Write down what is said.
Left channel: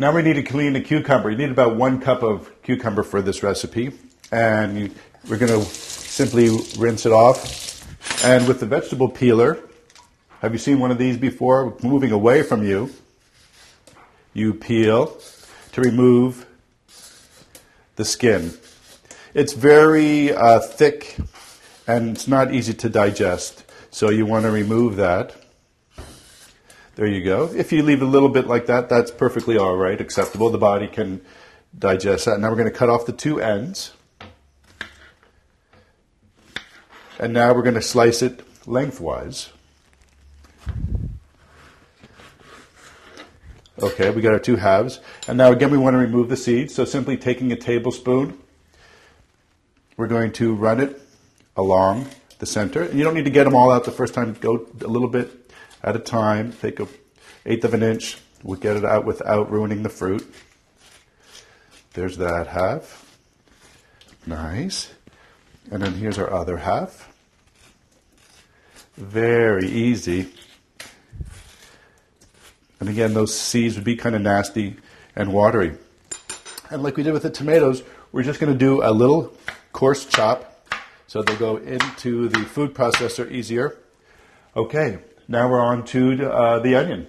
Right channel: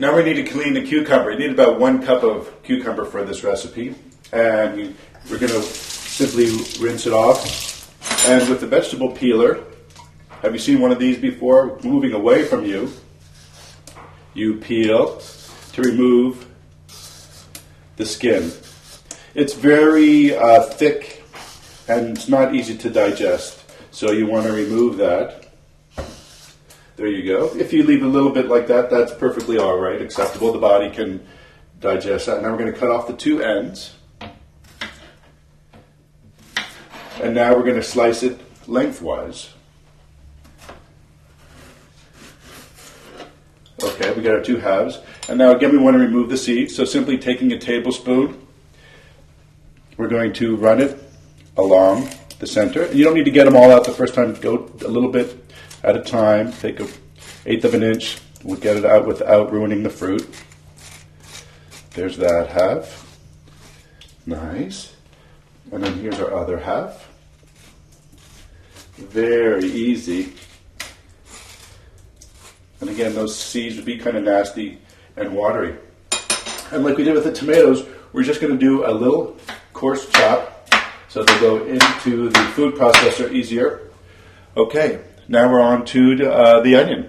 Now we need to clean the cucumber. You need about 1 cup of cucumber for this recipe. And we're going to simply rinse it off. And with the vegetable peeler, have you seen one of these before? Moving away from you, you peel to remove the skin. It's very thick and it's not easy to digest. So you want to remove that. There you go. If you leave a little bit like that, that's perfectly all right, acceptable. The body can digest that. Now we're going to cut off the 2 ends. And now we're going to slice it lengthwise. Okay, we got our 2 halves. And now again we want to remove the seeds. So simply taking a tablespoon, we're going to run it along the center. You don't need to get them all out the first time. Go a little bit at a time. Take 1/8 of an inch. We'll get it out without ruining the fruit. There's that half. Nice. And then here's our other half. Very easy. And again, those seeds would be kind of nasty and watery. And like we did with the tomatoes, we're just going to do a little coarse chop so they go into the food processor easier. Okay, now we're on to the onion.